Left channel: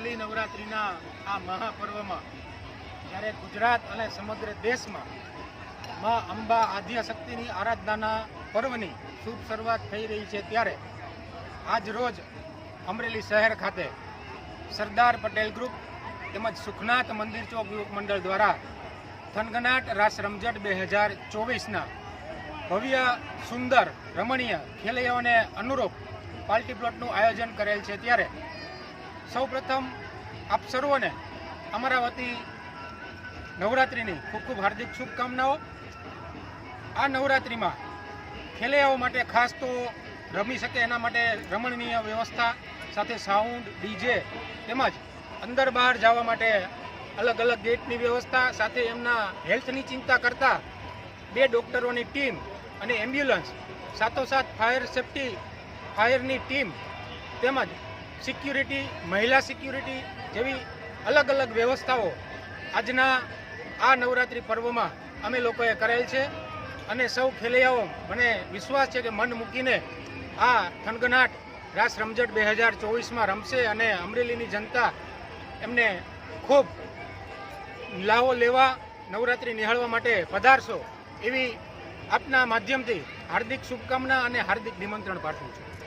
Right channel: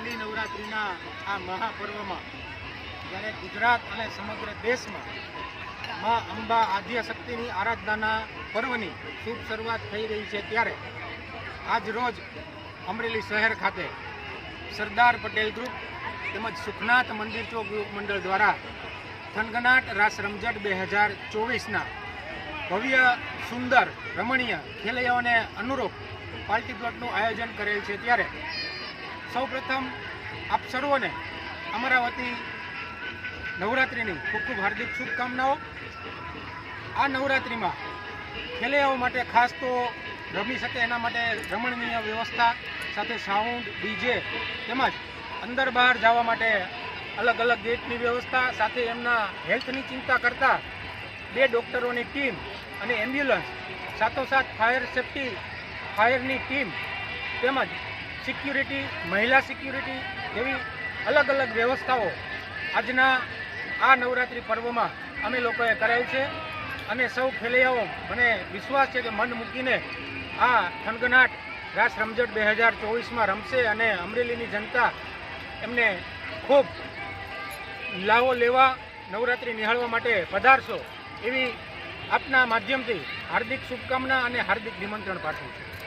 હોલી નવરાત્રિના આ મહાપર્વમાં જ્યારે ગુજરાત અને સમગ્ર દેશમાં માં અંબા આદ્યશક્તિની આરાધનાના પર્વની શુભ શરૂઆત થઈ રહી છે ત્યારે આજ રોજ અમરેલી શહેર ખાતે સરદાર પટેલ ગ્રુપ તેમજ સુખનાથ મંદિર ચોક યુવક મંડળ દ્વારા થનગનાટ રાસ રમઝટ બે હજાર ચોવીસના ભવ્ય, સુંદર, રમણીય ખેલૈયાઓને અનુરૂપ પાર્ટી પ્લોટનું આયોજન કરેલ છે ત્યારે સૌપ્રથમ આપ સર્વને અમારા વતી નવરાત્રિની ખૂબ ખૂબ હાર્દિક શુભકામનાઓ. આ નવરાત્રિમાં ખેલૈયાઓ માટે ખાસ તો રમી શકે એના માટે રમણીય વ્યવસ્થા સાથે સાઉન્ડ, ડીજે તેમજ અંદર બહાર જવા માટે અલગ અલગ ગેટની વ્યવસ્થા સાથે એમના હેલ્થની ચિંતા કરતા બે ડૉક્ટરોની ટીમ અને એમ્બ્યુલન્સ, સાથોસાથ ફાયર સેફટી, ફાયરની ટીમ તેમજ સિક્યુરિટી, મહિલા સિક્યુરિટી જેવી અલગ અલગ વ્યવસ્થાઓ આજના આ નવરાત્રિ પર્વમાં અમે લોકોએ કરેલ છે. અને સૌ ખેલૈયાઓ, મને વિશ્વાસ છે કે મન મૂકીને આ થનગનાટ રાસ રમઝટ બે હજાર ચોવીસમાં રમશે અને અમરેલીની જનતા એમને ખૂબ લાવો લેવા નવરાત્રિ નિહાળવા માટે પધારશો એવી આપના માધ્યમથી હાર્દિક શુભકામના અને હાર્દિક નિમંત્રણ પાઠવું છું.